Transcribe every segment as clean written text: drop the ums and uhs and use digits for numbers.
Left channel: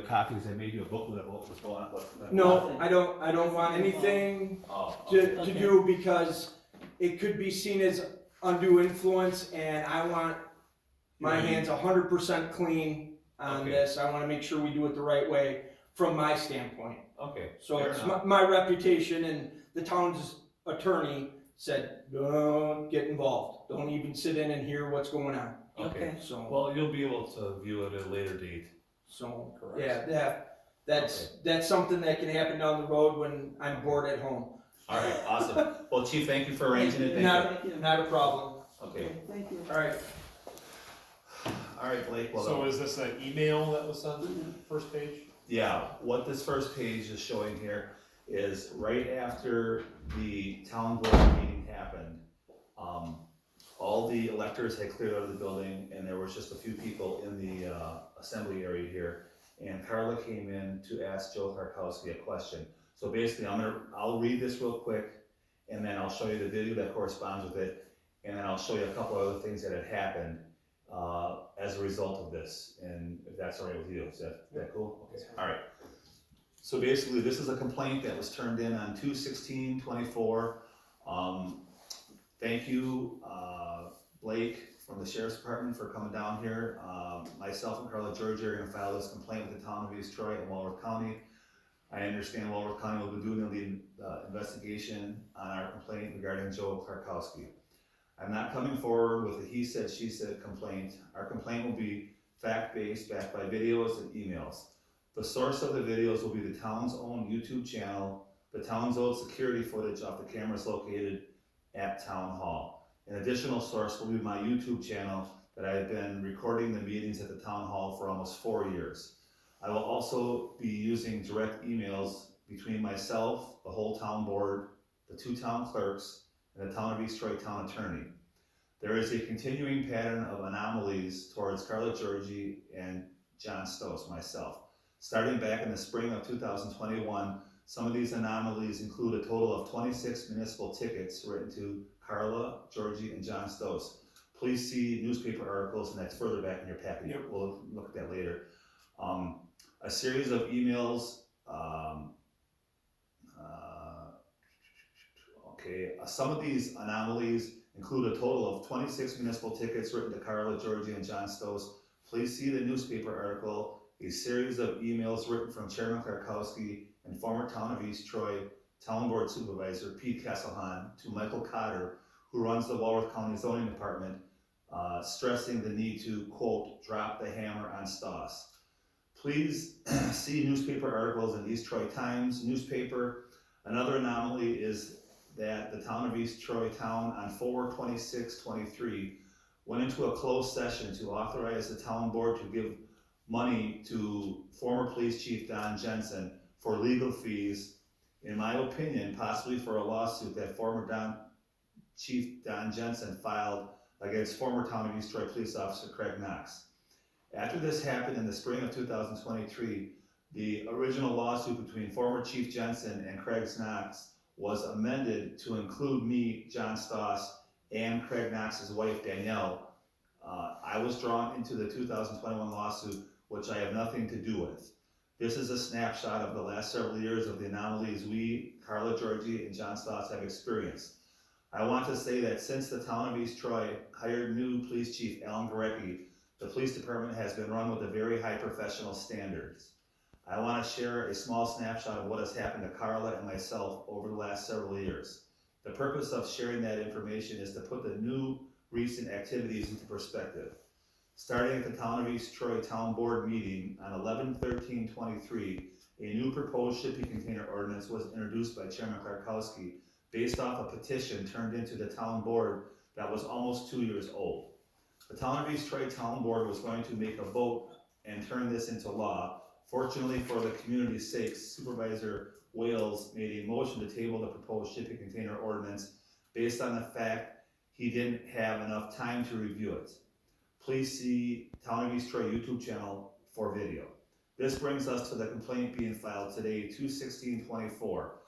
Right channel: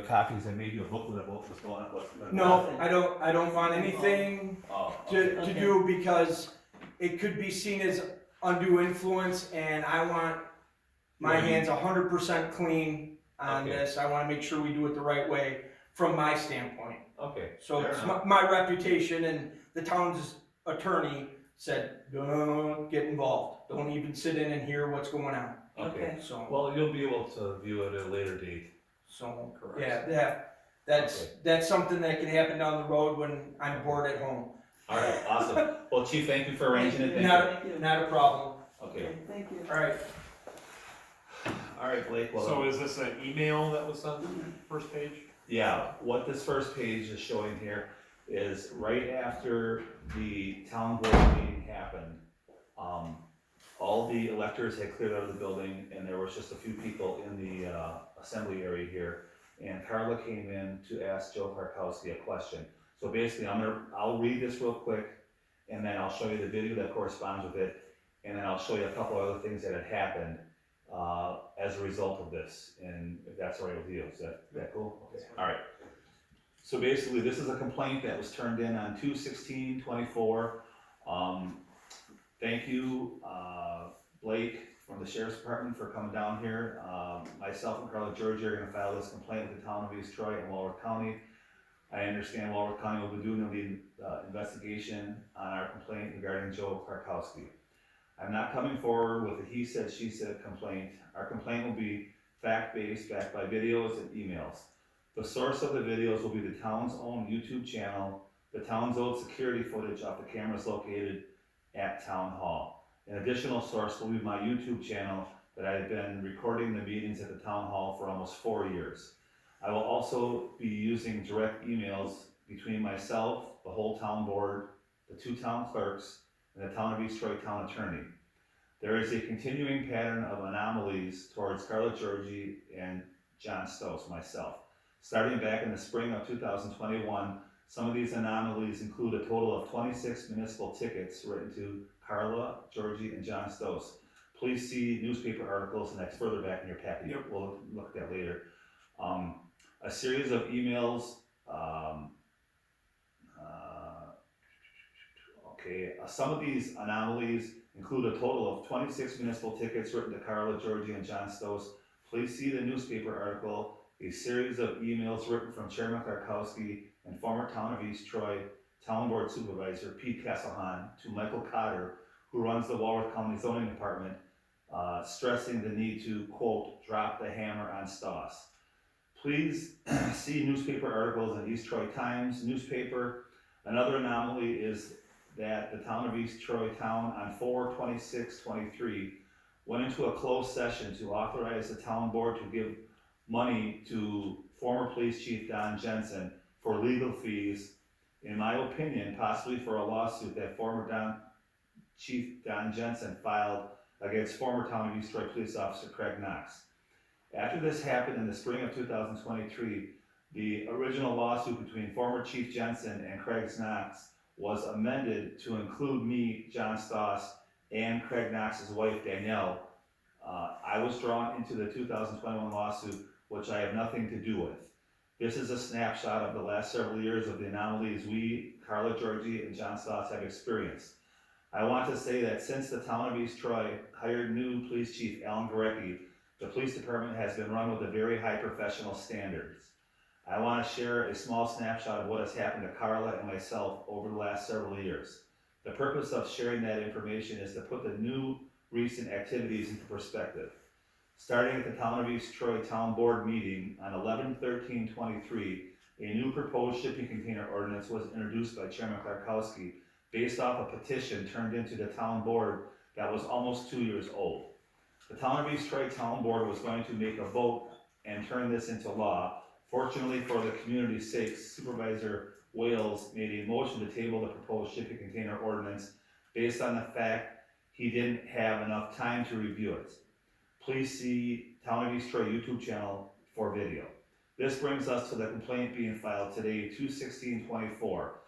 copies, I made you a booklet of what was going on. No, I don't want anything Oh, to okay. do, because it could be seen as undue influence, and I want my hands 100% clean on Okay. this. I wanna make sure we do it the right way from my standpoint. Okay. So fair it's enough. my reputation, and the town's attorney said, don't get involved. Don't even sit in and hear what's going on. Okay. So, Well, you'll be able to view it at a later date. so, Correct. yeah, that's, Okay. that's something that can happen down the road when I'm bored at home. All right, awesome. Well, Chief, thank you for arranging it. Not a problem. Okay. Thank you. Alright, All right, Blake. Well, So is this an email that was sent to the first page? yeah, what this first page is showing here is right after the town board meeting happened, all the electors had cleared out of the building, and there was just a few people in the assembly area here. And Carla came in to ask Joe Klarkowski a question. So basically, I'll read this real quick, and then I'll show you the video that corresponds with it, and then I'll show you a couple other things that had happened as a result of this, and if that's all right with you. Is that cool? Okay. All right. So basically, this is a complaint that was turned in on 2/16/24. Thank you, Blake from the Sheriff's Department, for coming down here. Myself and Carla Georgia are going to file this complaint with the town of East Troy and Walworth County. I understand Walworth County will be doing the investigation on our complaint regarding Joe Klarkowski. I'm not coming forward with a he said, she said complaint. Our complaint will be fact-based, backed by videos and emails. The source of the videos will be the town's own YouTube channel, the town's own security footage off the cameras located at Town Hall. An additional source will be my YouTube channel that I have been recording the meetings at the Town Hall for almost 4 years. I will also be using direct emails between myself, the whole town board, the 2 town clerks, and the town of East Troy town attorney. There is a continuing pattern of anomalies towards Carla Georgie and John Stoss, myself. Starting back in the spring of 2021, some of these anomalies include a total of 26 municipal tickets written to Carla, Georgie, and John Stoss. Please see newspaper articles, and that's further back in your packet. Yep. We'll look at that later. A series of emails. Some of these anomalies include a total of 26 municipal tickets written to Carla, Georgie, and John Stoss. Please see the newspaper article. A series of emails written from Chairman Klarkowski and former town of East Troy Town Board Supervisor Pete Kesselhan to Michael Cotter, who runs the Walworth County Zoning Department, stressing the need to, quote, drop the hammer on Stoss. Please see newspaper articles in East Troy Times newspaper. Another anomaly is that the town of East Troy Town on 4/26/23 went into a closed session to authorize the town board to give money to former police chief Don Jensen for legal fees, in my opinion, possibly for a lawsuit that former Chief Don Jensen filed against former town of East Troy police officer Craig Knox. After this happened in the spring of 2023, the original lawsuit between former Chief Jensen and Craig Knox was amended to include me, John Stoss, and Craig Knox's wife, Danielle. I was drawn into the 2021 lawsuit, which I have nothing to do with. This is a snapshot of the last several years of the anomalies we, Carla Georgie, and John Stoss have experienced. I want to say that since the town of East Troy hired new police chief Alan Gorecki, the police department has been run with a very high professional standards. I want to share a small snapshot of what has happened to Carla and myself over the last several years. The purpose of sharing that information is to put the new recent activities into perspective. Starting at the town of East Troy Town Board meeting on 11/13/23, a new proposed shipping container ordinance was introduced by Chairman Klarkowski based off a petition turned into the town board that was almost 2 years old. The town of East Troy Town Board was going to make a vote and turn this into law. Fortunately for the community's sake, Supervisor Wales made a motion to table the proposed shipping container ordinance based on the fact he didn't have enough time to review it. Please see Town of East Troy YouTube channel for video. This brings us to the complaint being filed today, 2/16/24.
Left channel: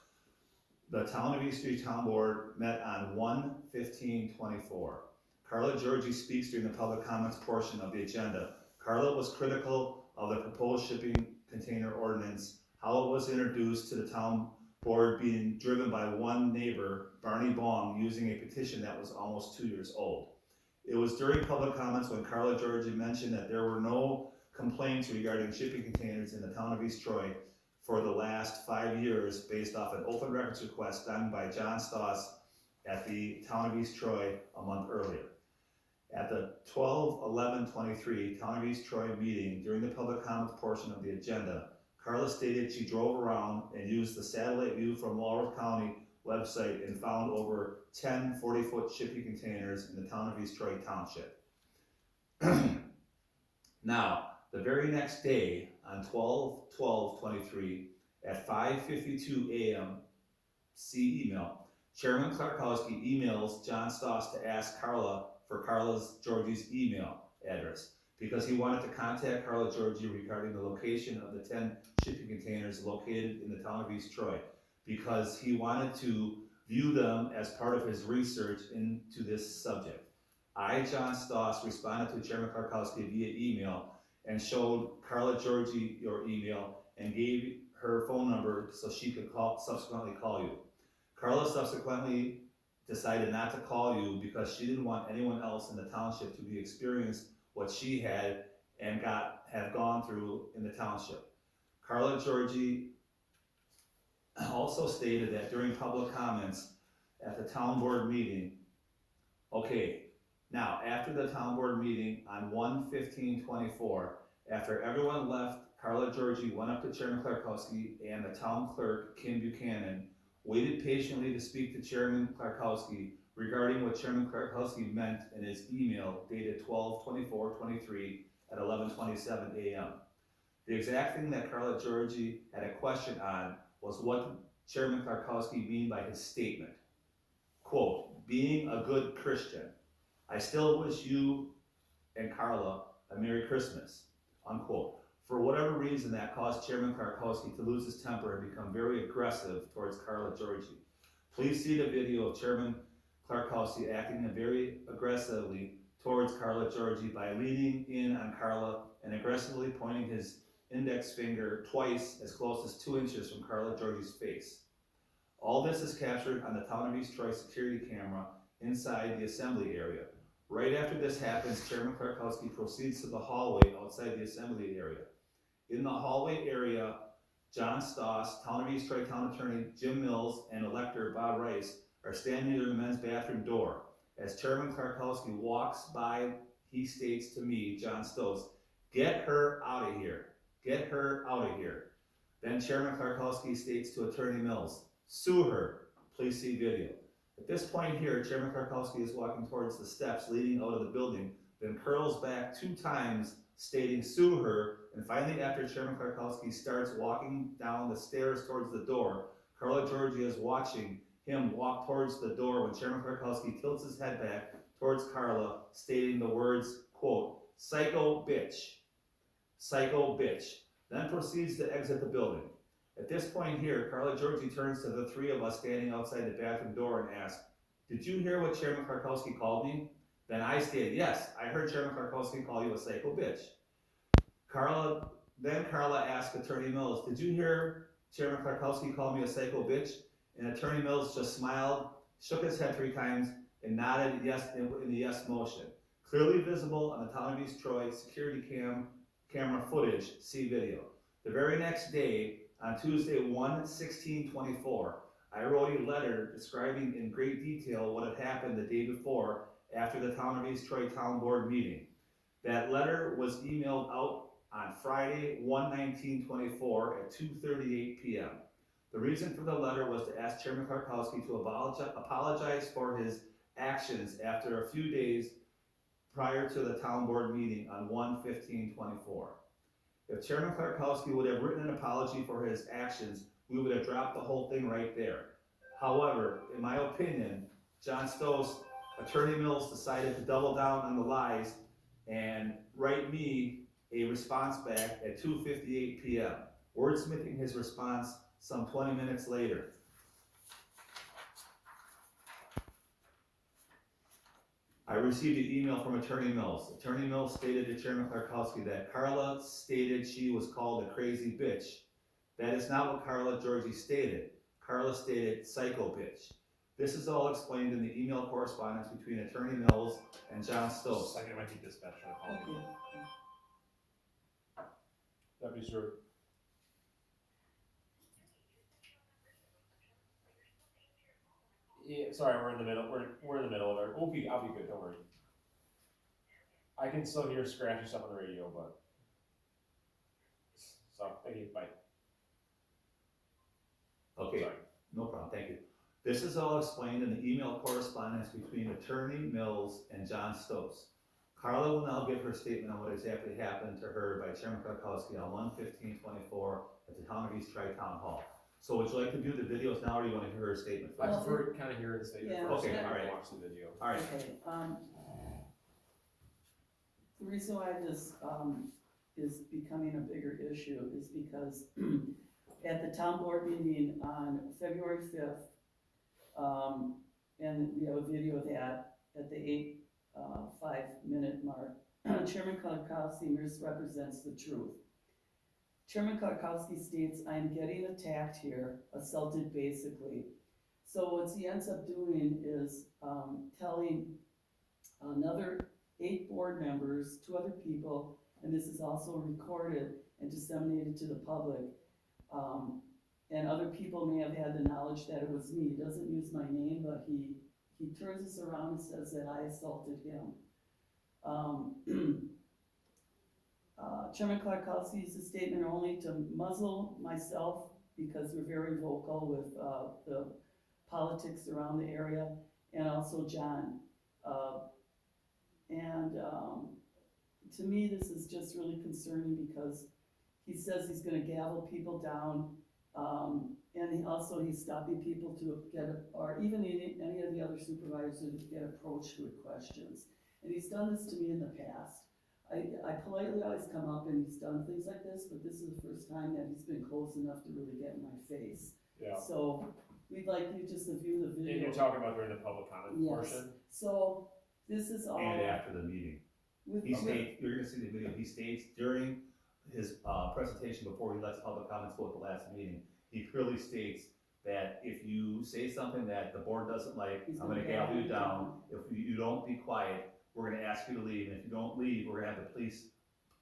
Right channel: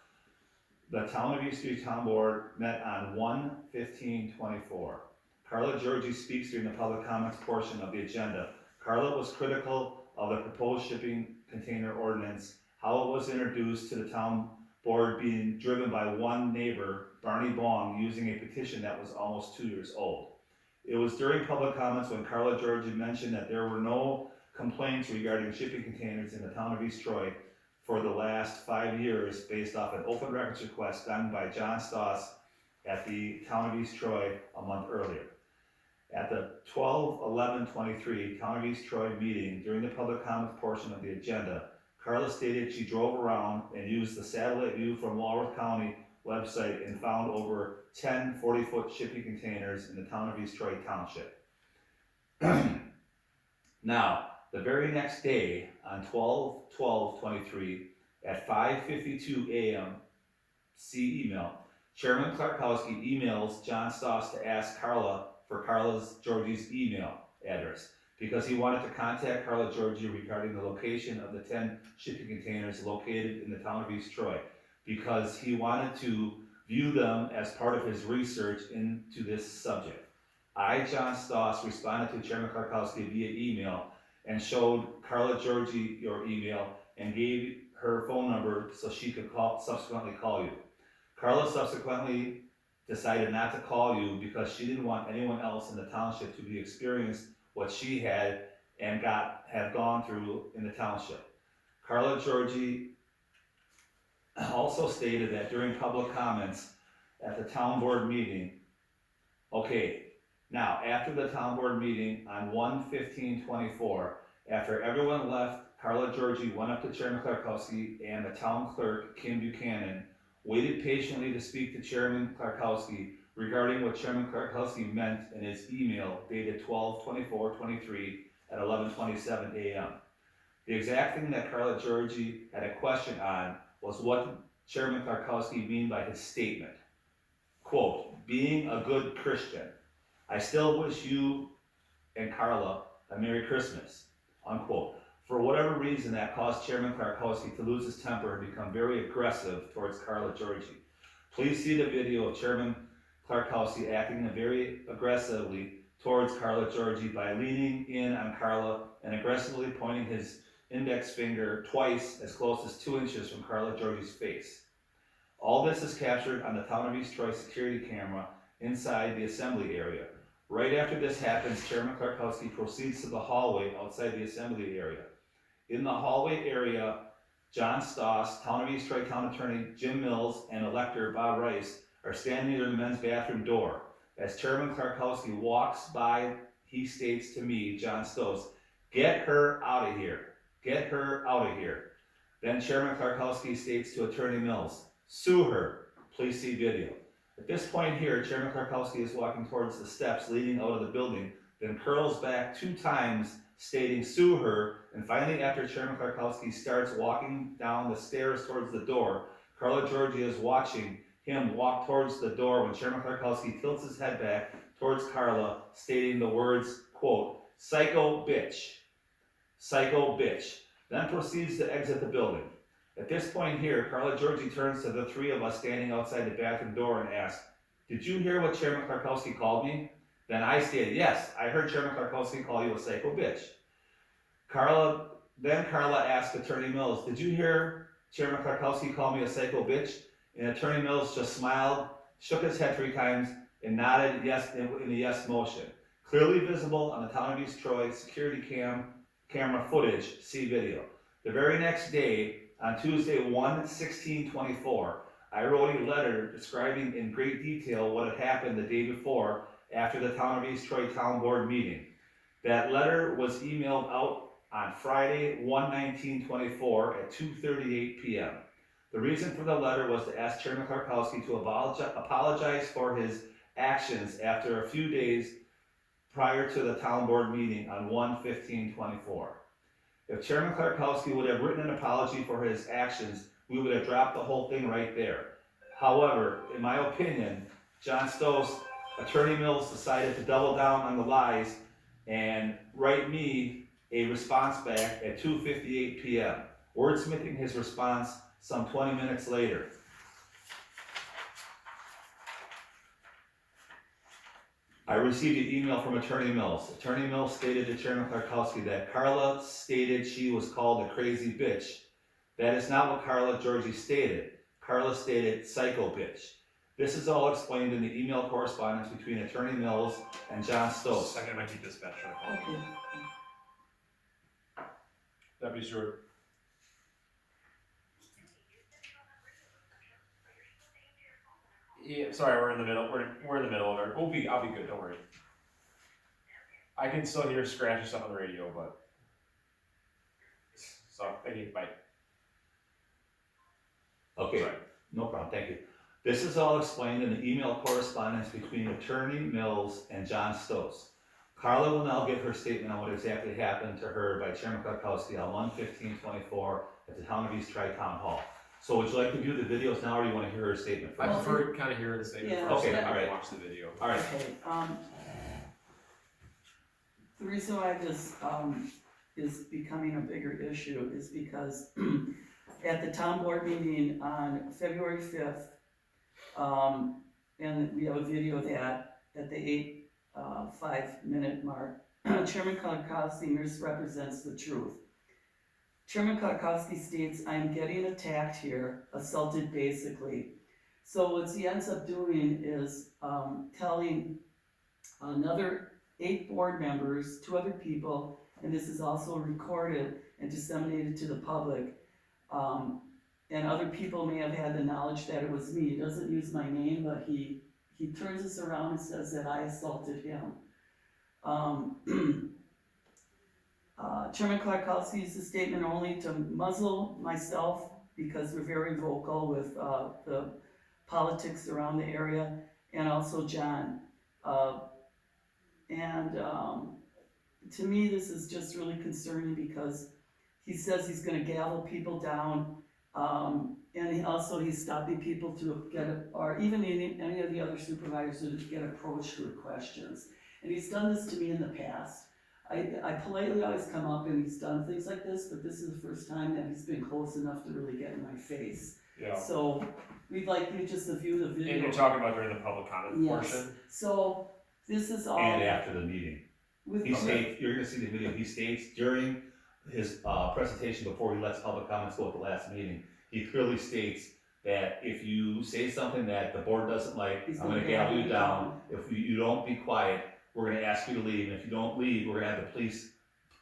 The Town of East Troy Town Board met on 1/15/24. Carla Georgie speaks during the public comments portion of the agenda. Carla was critical of the proposed shipping container ordinance, how it was introduced to the town board being driven by one neighbor, Barney Bong, using a petition that was almost 2 years old. It was during public comments when Carla Georgie mentioned that there were no complaints regarding shipping containers in the town of East Troy for the last 5 years based off an open records request done by John Stoss at the town of East Troy a month earlier. At the 12/11/23 Town of East Troy meeting, during the public comment portion of the agenda, Carla stated she drove around and used the satellite view from Walworth County website and found over 10 40-foot shipping containers in the town of East Troy Township. Now, the very next day, on 12/12/23, at 5:52 a.m., see email, Chairman Klarkowski emails John Stoss to ask Carla for Georgie's email address because he wanted to contact Carla Georgie regarding the location of the 10 shipping containers located in the town of East Troy, because he wanted to view them as part of his research into this subject. I, John Stoss, responded to Chairman Klarkowski via email and showed Carla Georgie your email and gave her phone number so she could subsequently call you. Carla subsequently decided not to call you because she didn't want anyone else in the township to be experienced what she had and have gone through in the township. Carla Georgie also stated that during public comments at the town board meeting, now after the town board meeting on 1/15/24, after everyone left, Carla Georgie went up to Chairman Klarkowski and the town clerk, Kim Buchanan, waited patiently to speak to Chairman Klarkowski regarding what Chairman Klarkowski meant in his email dated 12/24/23 at 11:27 a.m. The exact thing that Carla Georgie had a question on was what Chairman Klarkowski mean by his statement. Quote, being a good Christian, I still wish you and Carla a Merry Christmas, unquote. For whatever reason, that caused Chairman Klarkowski to lose his temper and become very aggressive towards Carla Georgie. Please see the video of Chairman Klarkowski acting very aggressively towards Carla Georgie by leaning in on Carla and aggressively pointing his index finger twice as close as 2 inches from Carla Georgie's face. All this is captured on the town of East Troy security camera inside the assembly area. Right after this happens, Chairman Klarkowski proceeds to the hallway outside the assembly area. In the hallway area, John Stoss, Town of East Troy Town Attorney Jim Mills, and Elector Bob Rice are standing near the men's bathroom door. As Chairman Klarkowski walks by, he states to me, John Stoss, get her out of here. Get her out of here. Then Chairman Klarkowski states to Attorney Mills, sue her. Please see video. At this point here, Chairman Klarkowski is walking towards the steps leading out of the building, then curls back 2 times, stating sue her, and finally after Chairman Klarkowski starts walking down the stairs towards the door, Carla Georgie is watching him walk towards the door when Chairman Klarkowski tilts his head back towards Carla, stating the words, quote, psycho bitch, then proceeds to exit the building. At this point here, Carla Georgie turns to the 3 of us standing outside the bathroom door and asks, did you hear what Chairman Klarkowski called me? Then I stated, yes, I heard Chairman Klarkowski call you a psycho bitch. Carla asked Attorney Mills, did you hear Chairman Klarkowski call me a psycho bitch? And Attorney Mills just smiled, shook his head 3 times, and nodded yes in the yes motion. Clearly visible on the Town of East Troy security camera footage, see video. The very next day, on Tuesday 1/16/24, I wrote a letter describing in great detail what had happened the day before after the Town of East Troy Town Board meeting. That letter was emailed out on Friday 1/19/24 at 2:38 p.m. The reason for the letter was to ask Chairman Klarkowski to apologize for his actions after a few days prior to the town board meeting on 1/15/24. If Chairman Klarkowski would have written an apology for his actions, we would have dropped the whole thing right there. However, in my opinion, John Stoss, Attorney Mills decided to double down on the lies and write me a response back at 2:58 p.m., wordsmithing his response some 20 minutes later. I received an email from Attorney Mills. Attorney Mills stated to Chairman Klarkowski that Carla stated she was called a crazy bitch. That is not what Carla Georgie stated. Carla stated psycho bitch. This is all explained in the email correspondence between Attorney Mills and John Stokes. Second, it might be dispatch. Okay. Deputy Stewart. Yeah, sorry, we're in the middle. We're in the middle of it. I'll be good. Don't worry. I can still hear scratchy stuff on the radio, but so thank you. Bye. Okay, Sorry. no problem, thank you. This is all explained in the email correspondence between Attorney Mills and John Stokes. Carla will now give her statement on what exactly happened to her by Chairman Klarkowski on 1/15/24 at the Town of East Tri-Town Hall. So would you like to view the videos now, or do you want to hear her statement I first? prefer kind of hearing the statement Yeah. first, Okay, and then all right. watch the video. All right, Okay, the reason why this, is becoming a bigger issue is because at the town board meeting on February 5th, and we have a video of that at the 5-minute mark, Chairman Klarkowski misrepresents the truth. Chairman Klarkowski states, "I am getting attacked here, assaulted basically." So what he ends up doing is telling another 8 board members, 2 other people, and this is also recorded and disseminated to the public. And other people may have had the knowledge that it was me. He doesn't use my name, but he turns this around and says that I assaulted him. Chairman Klarkowski used the statement only to muzzle myself because we're very vocal with the politics around the area, and also John. To me, this is just really concerning because he says he's gonna gavel people down, and he's stopping people to get, or even any of the other supervisors to get approached with questions. And he's done this to me in the past. I politely always come up and he's done things like this, but this is the first time that he's been close enough to really get in my face. Yeah. So we'd like you just to view the video. And you're talking about during the public comment Yes. portion. So this is all. and after the meeting. With He states, you're gonna see the video, he states during his presentation before he lets public comments go at the last meeting, he clearly states that if you say something that the board doesn't like, He's I'm gonna gonna gavel you gavel you down. If you don't be quiet, we're gonna ask you to leave, and if you don't leave, we're gonna have the police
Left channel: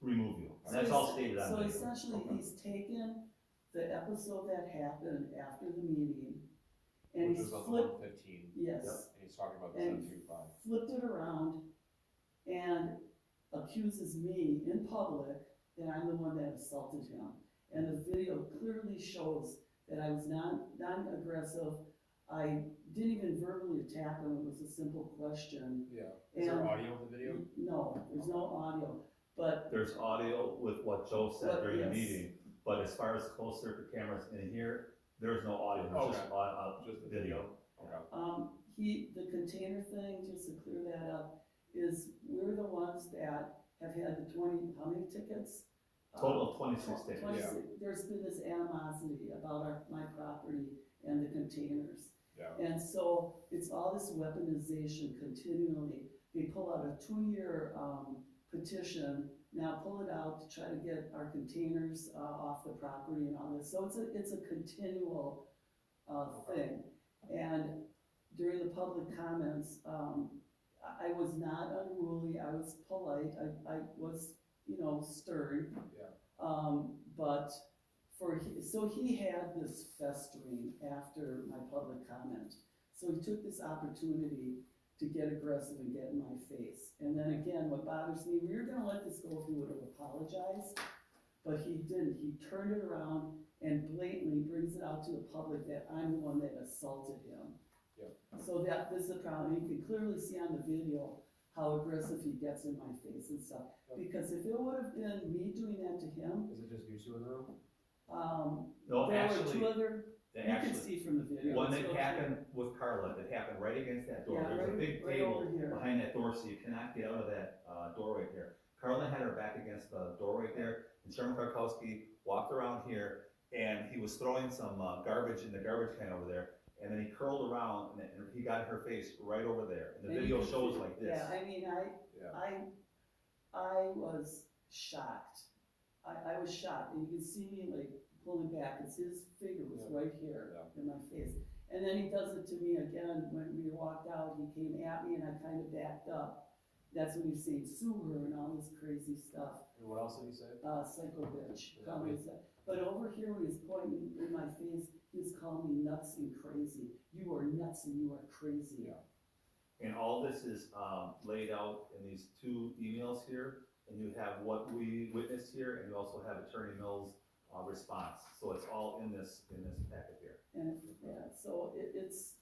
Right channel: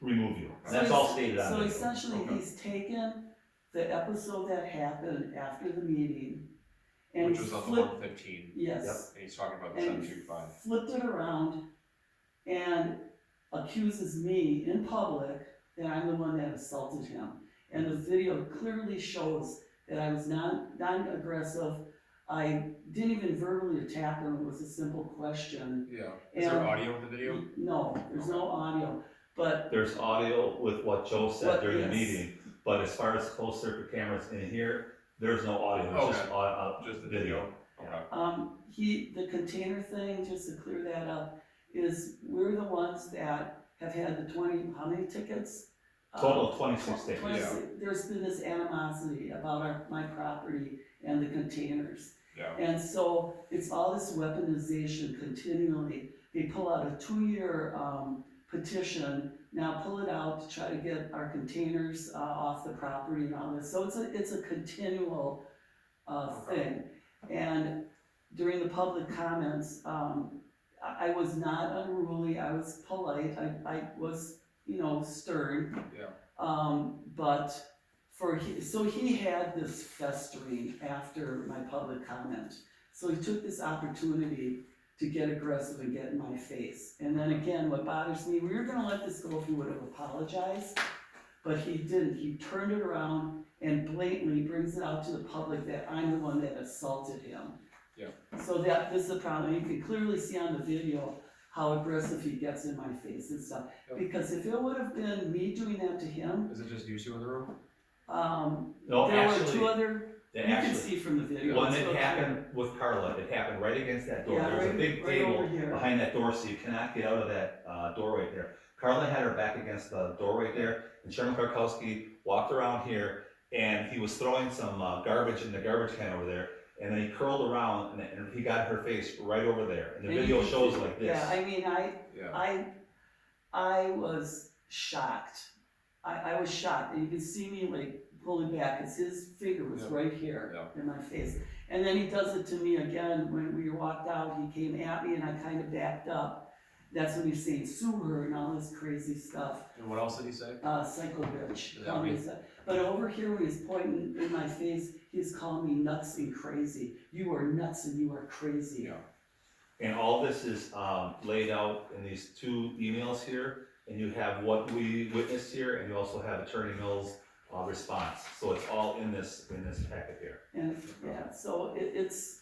remove you. And that's all stated on So the video. essentially, Okay. he's taken the episode that happened after the meeting and Which he's was on the flipped, 115, yes, and he's talking about the And- 725. flipped it around and accuses me in public that I'm the one that assaulted him. And the video clearly shows that I was non-aggressive. I didn't even verbally attack him, it was a simple question. Yeah. Is there And- audio of the video? No, there's no audio, but There's audio with what Joe said What- during the yes. meeting, but as far as closed circuit cameras in here, there's no audio, there's just Just the video. Okay. the container thing, just to clear that up, is we're the ones that have had the 20, how many tickets? Total of 26 tickets. 26. There's been this animosity about my property and the containers. Yeah. And so it's all this weaponization continually. They pull out a 2-year petition, now pull it out to try to get our containers off the property and all this. So it's a continual thing. And during the public comments, I was not unruly, I was polite, I was, stern. Yeah. But so he had this festering after my public comment. So he took this opportunity to get aggressive and get in my face. And then again, what bothers me, we were gonna let this go if he would have apologized, but he didn't. He turned it around and blatantly brings it out to the public that I'm the one that assaulted him. Yeah. So this is a problem. You can clearly see on the video how aggressive he gets in my face and stuff. Yep. Because if it would have been me doing that to him, Is it just you two in the room? No, there were actually, 2 other, you can actually, see from the video. when it's it real happened with Carla, it happened right against that door. Yeah, There's a right- big right table over here. behind that door, so you cannot get out of that door right there. Carla had her back against the door right there, and Chairman Klarkowski walked around here, and he was throwing some garbage in the garbage can over there, and then he curled around, and he got her face right over there, and the And you video can shows see- like this. Yeah, I mean, Yeah. I was shocked. I was shocked, and you can see me like pulling back, cause his finger was Yeah. right here Yeah. in my face. And then he does it to me again, when we walked out, he came at me and I kinda backed up. That's when he's saying sue her and all this crazy stuff, And what else did he say? psycho bitch. Yeah, Called me But over here, when he's pointing in my face, he's calling me nuts and crazy. You are nuts and you are crazy. Yeah. And all this is laid out in these two emails here, and you have what we witnessed here, and you also have Attorney Mills' response. So it's all in this packet here. And, yeah, so it's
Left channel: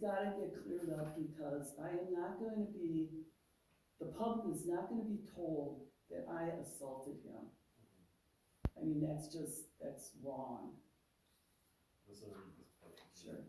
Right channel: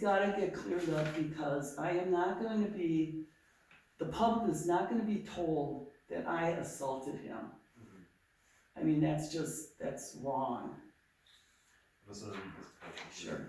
gotta get cleared up, because I am not going to be, the public is not gonna be told that I assaulted him. I mean, that's wrong. This is. Sure.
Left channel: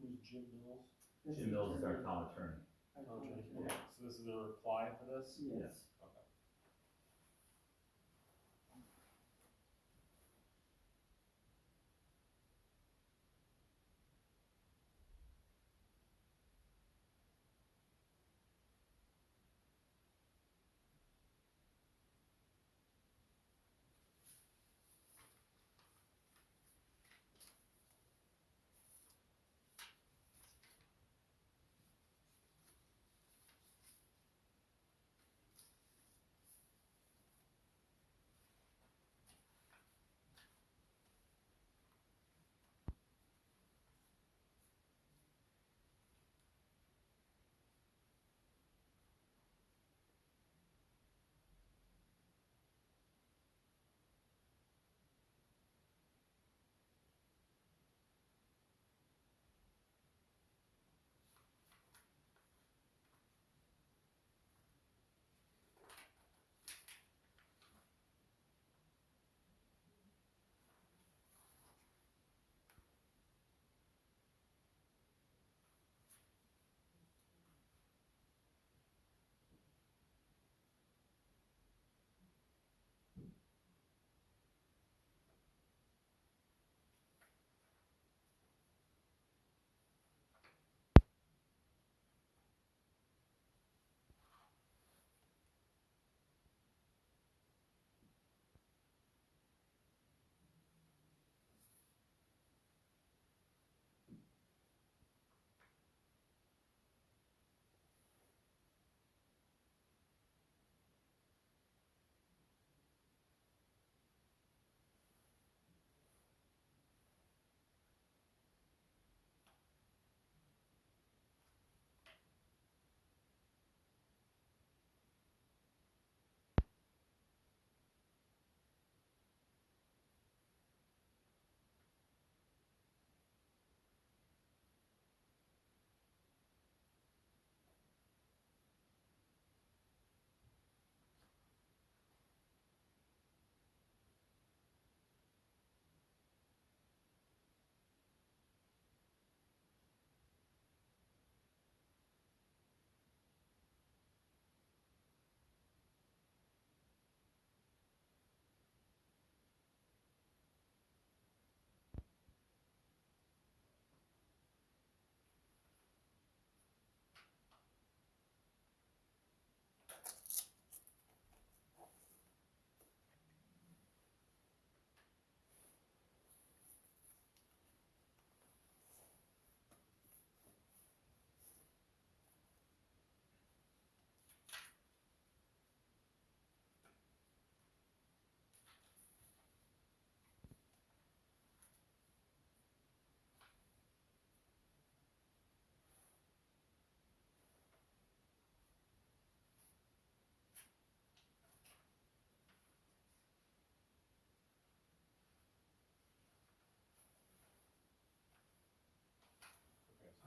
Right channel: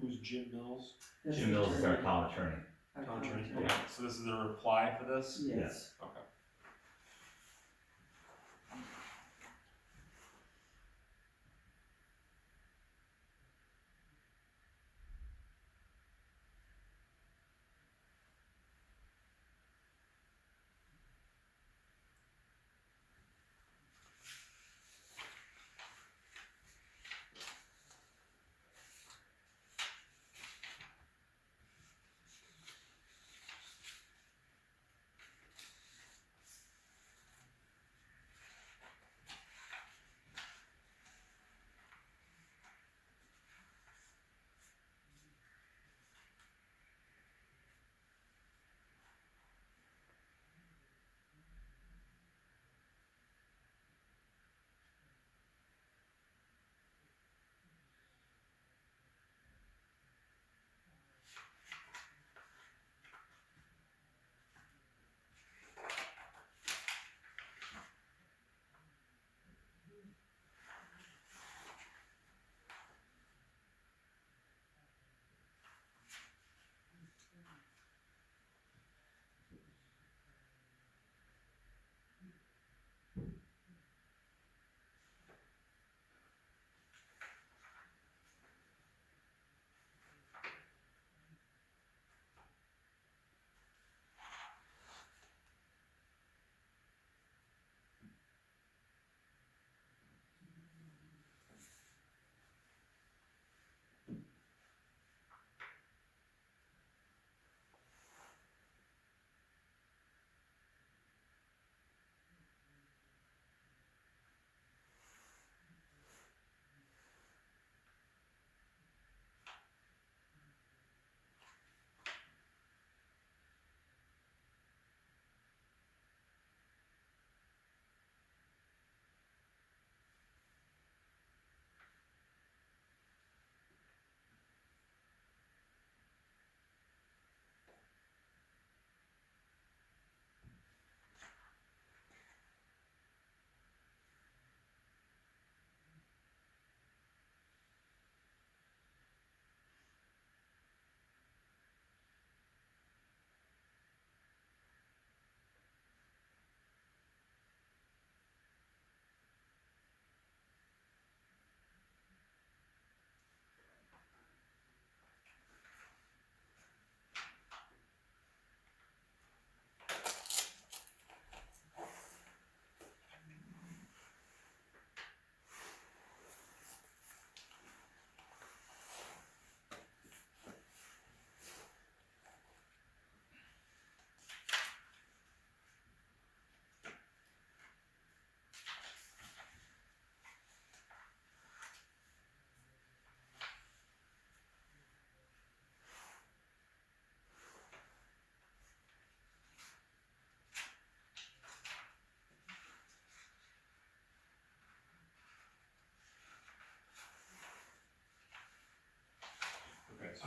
Who's Jim Mills? That's Jim Mills is our attorney. town attorney. Our Town town attorney. attorney. Okay. So this is the reply for this? Yes. Okay.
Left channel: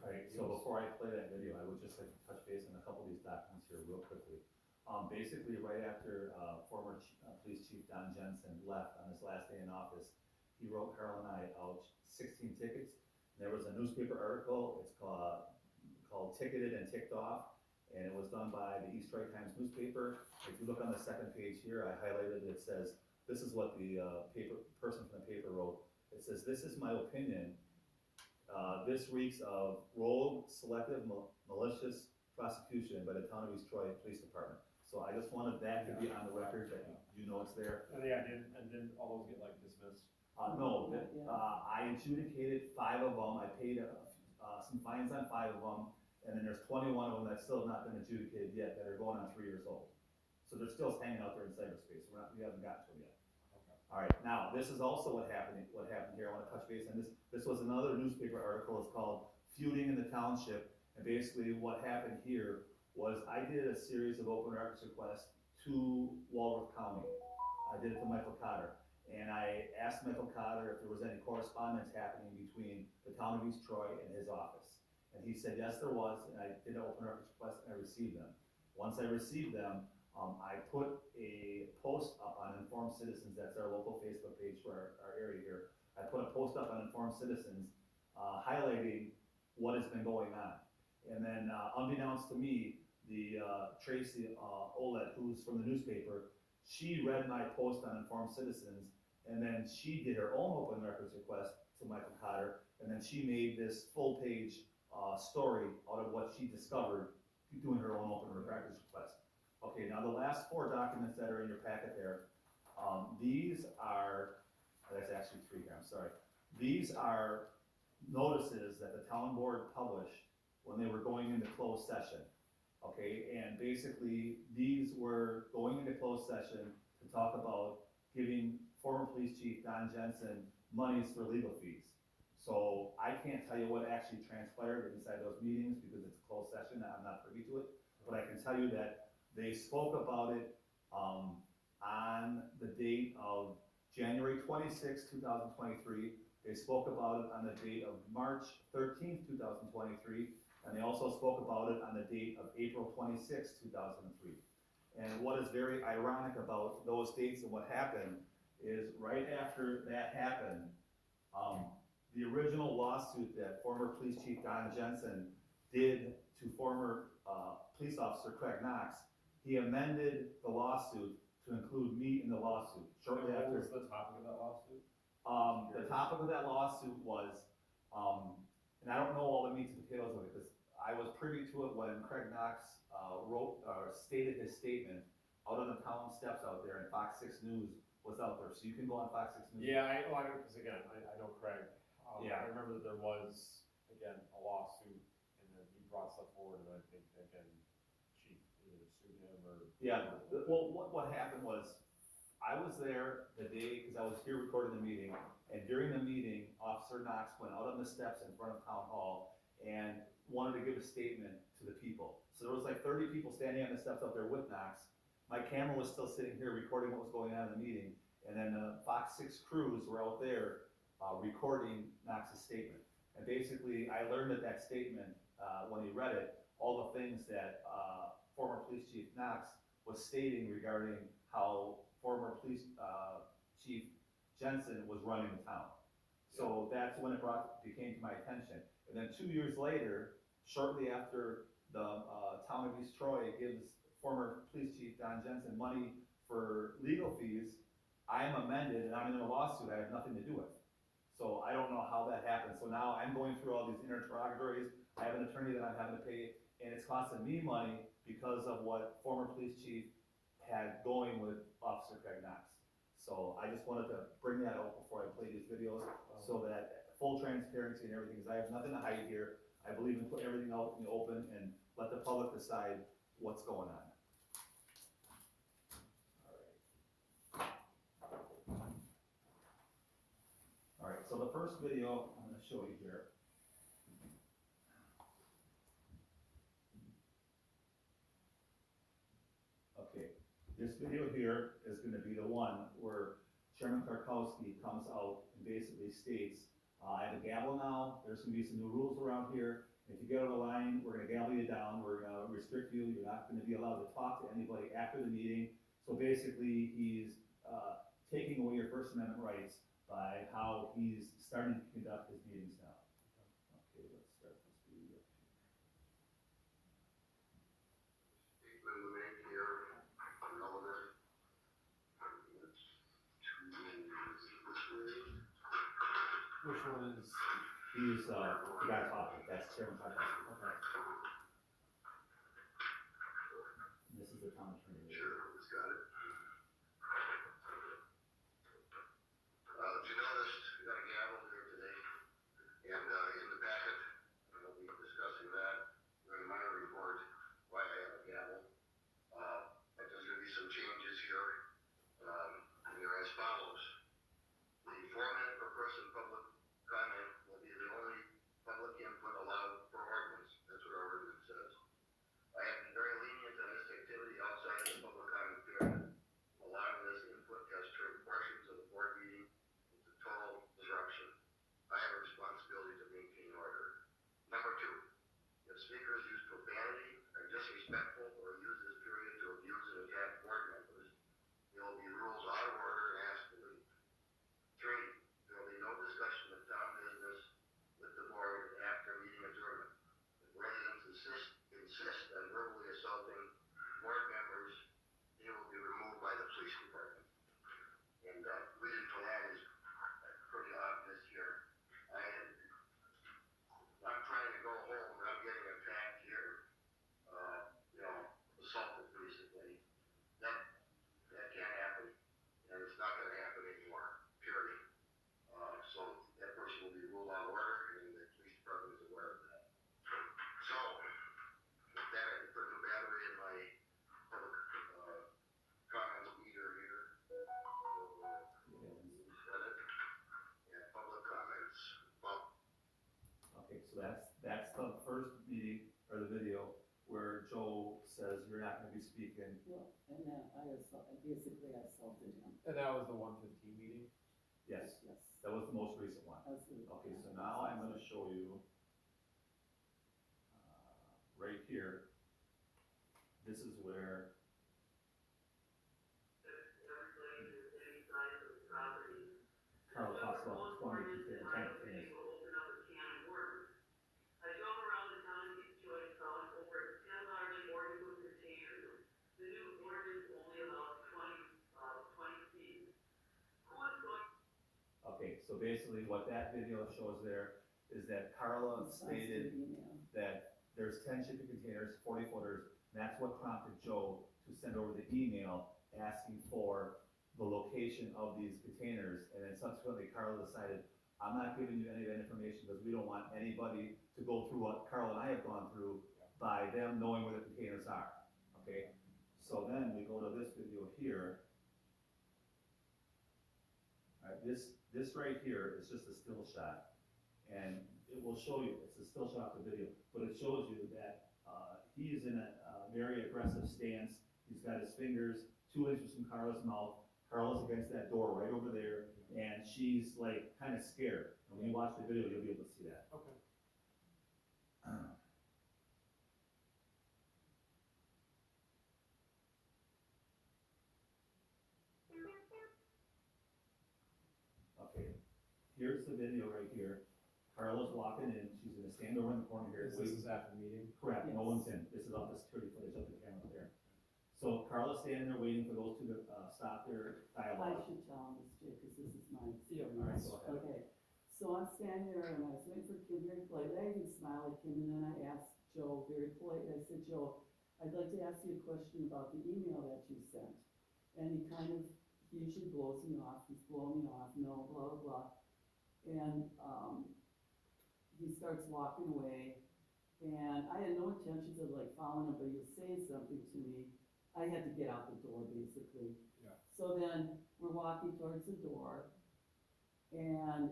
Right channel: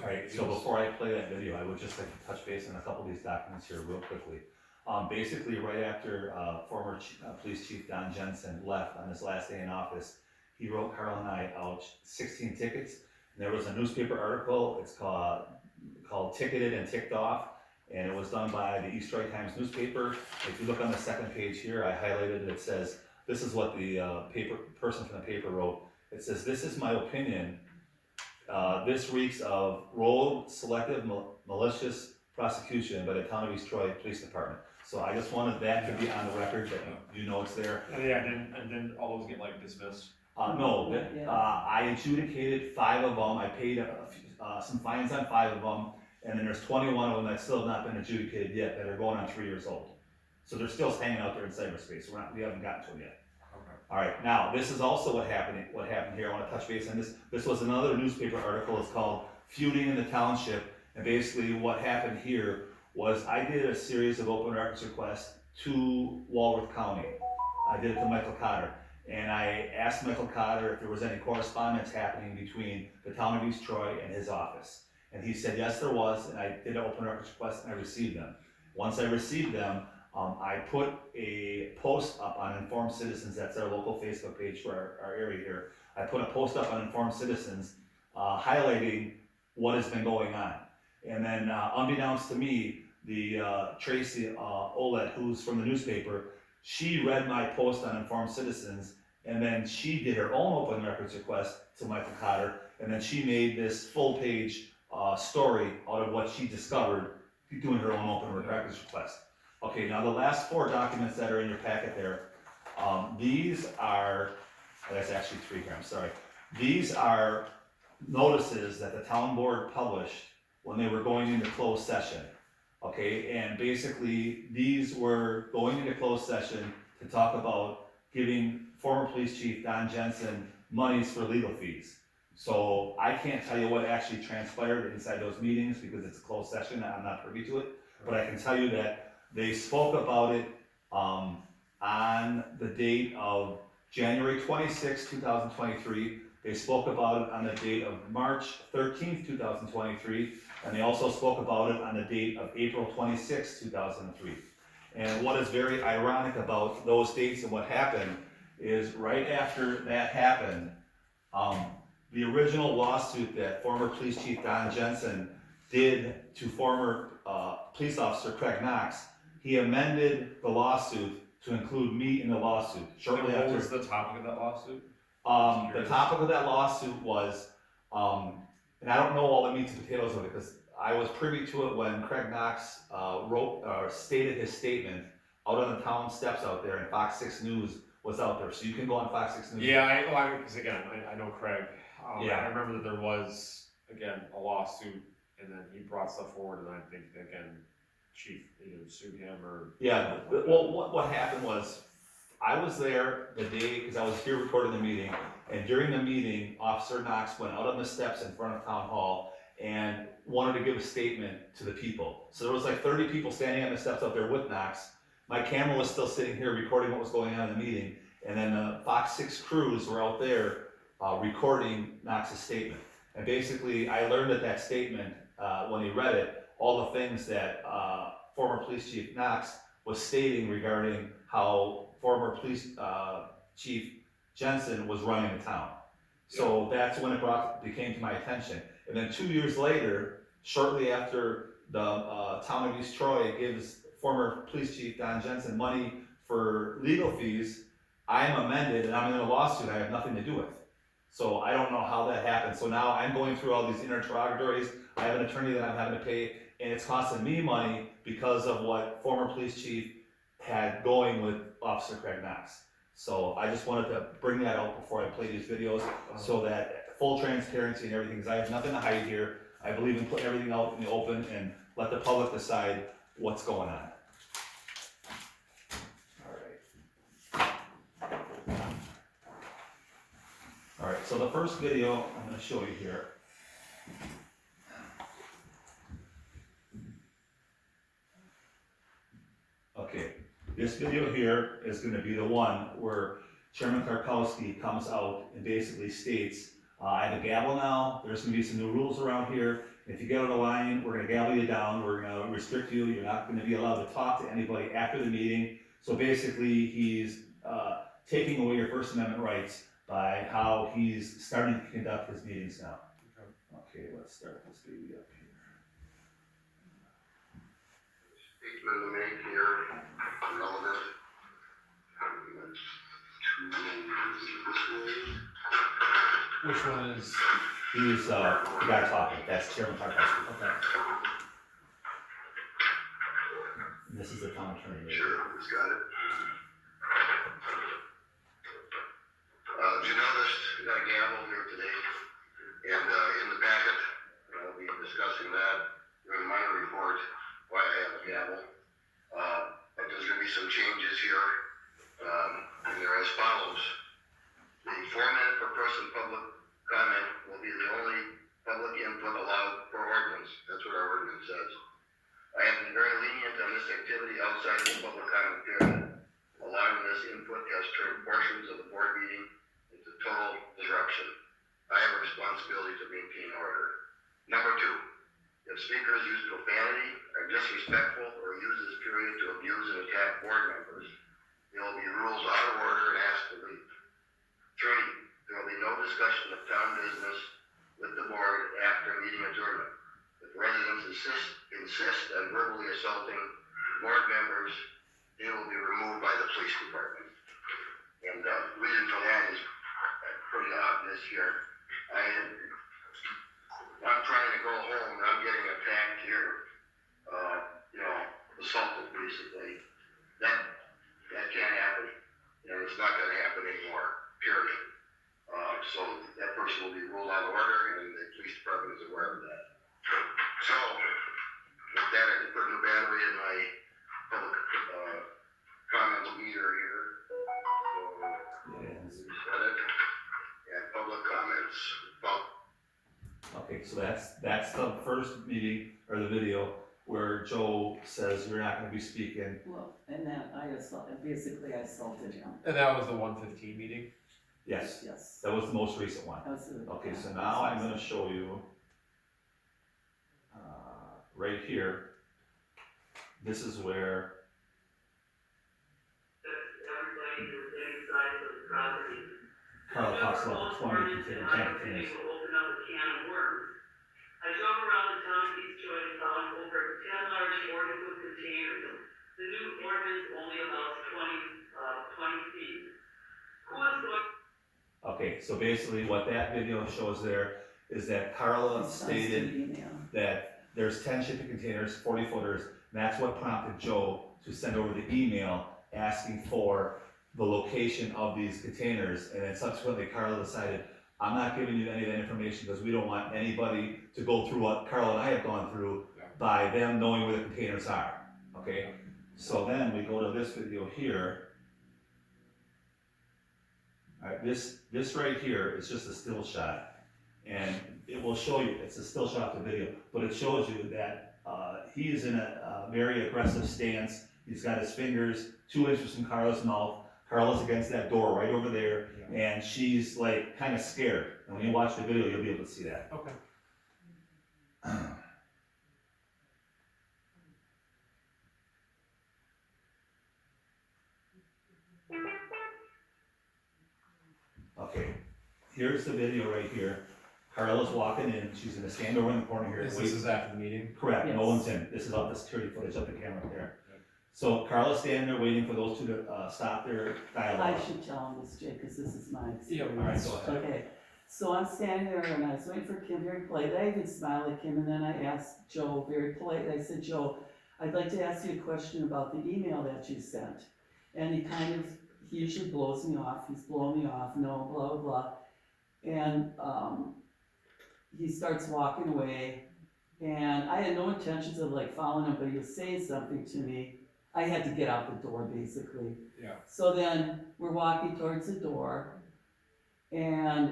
Alright, so before I play that video, I would just like to touch base on a couple of these documents here real quickly. Basically, right after, former Police Chief Don Jensen left on his last day in office, he wrote Carl and I out 16 tickets. And there was a newspaper article, it's called Ticketed and Ticked Off, and it was done by the East Troy Times newspaper. If you look on the second page here, I highlighted it, it says, this is what the person from the paper wrote. It says, "This is my opinion. This reeks of rogue, selective, malicious prosecution by the Town of East Troy Police Department." So I just wanted that to be on the record, that you know it's there. And yeah, and then all those get like dismissed. No, Yeah. I adjudicated 5 of them, I paid some fines on 5 of them, and then there's 21 of them that still have not been adjudicated yet, that are going on 3 years old. So they're still hanging out there in cyberspace, we haven't gotten to them yet. Okay. Alright, now, this is also what happened here, I wanna touch base on this. This was another newspaper article, it's called Feuding in the Township, and basically what happened here was I did a series of open records requests to Walworth County. I did it to Michael Cotter, and I asked Michael Cotter if there was any correspondence happening between the Town of East Troy and his office. And he said, yes, there was, and I did an open records request and I received them. Once I received them, I put a post up on Informed Citizens, that's our local Facebook page for our area here. I put a post up on Informed Citizens highlighting what has been going on. And then unbeknownst to me, the Tracy Olet, who's from the newspaper, she read my post on Informed Citizens, and then she did her own open records request to Michael Cotter, and then she made this full page story out of what she discovered doing her own open records request. Okay, now the last 4 documents that are in your packet there, these are, that's actually 3 here, I'm sorry. These are notices that the town board published when they were going into closed session. Okay, and basically these were going into closed session to talk about giving former police chief Don Jensen monies for legal fees. So I can't tell you what actually transpired inside those meetings because it's a closed session, I'm not privy to it, but I can tell you that they spoke about it on the date of January 26, 2023. They spoke about it on the date of March 13th, 2023, and they also spoke about it on the date of April 26, 2003. And what is very ironic about those dates and what happened is right after that happened, the original lawsuit that former police chief Don Jensen did to former police officer Craig Knox, he amended the lawsuit to include me in the lawsuit shortly And after. what was the topic of that lawsuit? The topic of that lawsuit was, and I don't know all the meats and potatoes of it because I was privy to it when Craig Knox stated his statement out on the town steps out there, and Fox 6 News was out there. So you can go on Fox 6 News. Yeah, because again, I know Craig. Yeah. I remember that there was, again, a lawsuit, and then he brought stuff forward, and I think, again, Chief either sued him or. Yeah, well, what happened was, I was there the day, because I was here recording the meeting, and during the meeting, Officer Knox went out on the steps in front of Town Hall and wanted to give a statement to the people. So there was like 30 people standing on the steps out there with Knox. My camera was still sitting here recording what was going on in the meeting, and then the Fox 6 crews were out there recording Knox's statement. And basically, I learned at that statement, when he read it, all the things that former police chief Knox was stating regarding how former police chief Jensen was running the town. So that's when it became to my attention. And then 2 years later, shortly after the town of East Troy gives former police chief Don Jensen money for legal fees, I'm amended and I'm in a lawsuit I have nothing to do with. So I don't know how that happened. So now I'm going through all these interrogatories. I have an attorney that I'm having to pay, and it's costing me money because of what former police chief had going with Officer Craig Knox. So I just wanted to bring that out before I play these videos, so that full transparency and everything, because I have nothing to hide here. I believe in putting everything out in the open and let the public decide what's going on. All right, so the first video I'm going to show you here. Okay, this video here is going to be the one where Chairman Klarkowski comes out and basically states I have a gavel now, there's gonna be some new rules around here. If you get out of line, we're gonna gavel you down, we're gonna restrict you, you're not gonna be allowed to talk to anybody after the meeting. So basically, he's, taking away your First Amendment rights by how he's starting to conduct his meetings now. Okay, let's start this baby up here. Statement to make here, relevant. Which one is? He's, the guy talking, that's Chairman Klarkowski. Okay. And this is the town attorney. Sure, who's got it? You noticed, we got a gavel here today, and, in the packet, I'll be discussing that during my report, why I have a gavel. But there's gonna be some changes here, and they're as follows. The 4-minute per person public comment will be the only public input allowed per ordinance. That's what our ordinance says. I have been very lenient on this activity outside the public comment period. Allowing this input has turned portions of the board meeting into total disruption. I have a responsibility to maintain order. Number 2, if speakers use profanity, are disrespectful, or use this period to abuse and attack board members, they will be ruled out of order and asked to leave. 3, there will be no discussion of town business with the board after meeting adjournment. If residents insist on verbally assaulting board members, they will be removed by the police department. And reason for that is pretty obvious here. I'm trying to go home and I'm getting attacked here, assaulted basically. That can't happen, and it's not gonna happen anymore, period. So that person will be ruled out of order, and the police department is aware of that. So, with that, I can put a new battery in my public, comment meter here. So, set it, and public comments. Okay, so that's the first meeting, or the video, where Joe says you're not gonna be speaking. Well, and then I assaulted him. And that was the 115 meeting? Yes, Yes. that was the most recent one. That was the- Okay, so now I'm gonna show you, right here, this is where, Everybody who's inside of the property. Carl talks about the 20 container tank containers. Will open up a can of worms. I drove around the town of East Troy and found over 10 large 40-foot containers. The new ordinance only allows 20 feet. Who is going? okay, so basically what that video shows there is that Carla stated Email. that there's 10 shipping containers, 40 footers, and that's what prompted Joe to send over the email asking for the location of these containers, and then subsequently Carla decided, I'm not giving you any of that information because we don't want anybody to go through what Carla and I have gone through by them knowing where the containers are, okay? So then we go to this video here. Alright, this right here is just a still shot, and it will show you, it's a still shot of the video, but it shows you that he is in a very aggressive stance. He's got his fingers 2 inches from Carla's mouth. Carla's against that door right over there, and she's like kind of scared. And when you watch the video, you'll be able to see that. Okay. Okay, here's the video right here. Carla's walking in, she's gonna stand over in the corner here. This is after the meeting? Correct, no Yes. one's in. This is off the security footage of the camera there. So Carla's standing there waiting for those two to stop their dialogue. I should tell him this, Jay, because this is my Yeah, experience. all right, go ahead. Okay, so I'm standing there and I was waiting for Kim very politely. I even smiled at Kim, and then I asked Joe very politely. I said, Joe, I'd like to ask you a question about the email that you sent. And he usually blows me off. He's blowing me off, no, blah, blah, blah. And he starts walking away. And I had no intentions of like following him, but he was saying something to me. I had to get out the door basically. Yeah. So then we're walking towards the door, and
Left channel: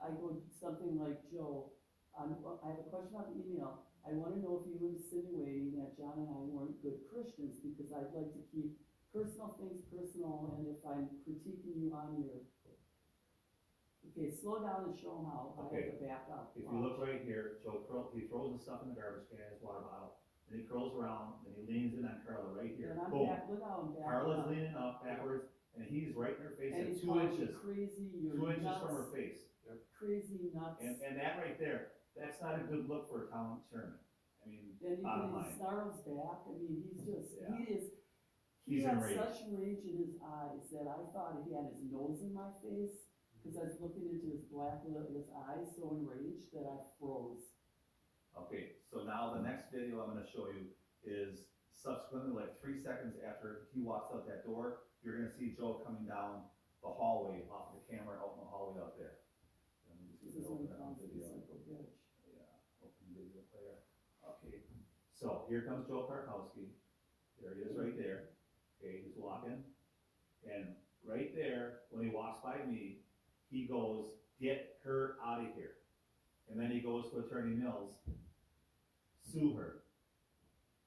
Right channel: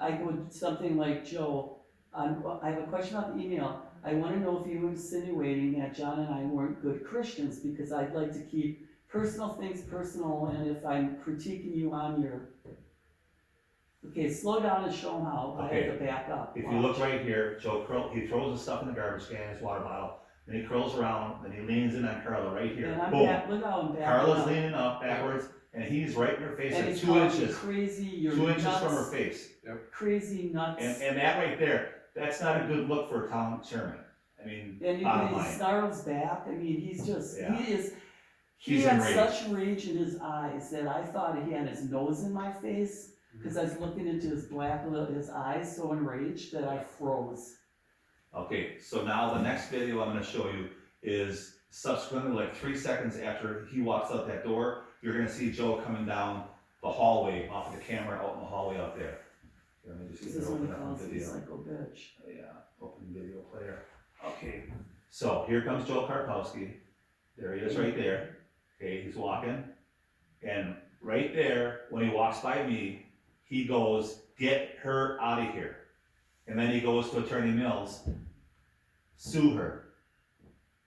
I go something like, Joe, I have a question about the email. I want to know if you were insinuating that John and I weren't good Christians, because I'd like to keep personal things personal, and if I'm critiquing you on your Okay, slow down and show him how, I Okay. had to back up. If you look right here, he throws the stuff in the garbage can, his water bottle, then he curls around, then he leans in on Carla right here. And I'm Boom. back, look how I'm backing Carla's up. leaning up backwards, and he's right in her face And at he's 2 calling me inches, crazy, you're 2 inches nuts, from her face. crazy nuts. And that right there, that's not a good look for a town chairman. I mean, And he bottom line. snarls back, I mean, he's just, Yeah. he He's had enraged. such rage in his eyes that I thought he had his nose in my face, cause I was looking into his eyes so enraged that I froze. Okay, so now the next video I'm gonna show you is subsequently, like 3 seconds after he walks out that door, you're gonna see Joe coming down the hallway off of the camera out in the hallway out there. Let me just This get is it when he open up on calls me video. psycho bitch. Yeah, open video player. Okay, so here comes Joe Klarkowski. There he is right there. Okay, he's walking. And right there, when he walks by me, he goes, "Get her out of here." And then he goes to Attorney Mills, "Sue her."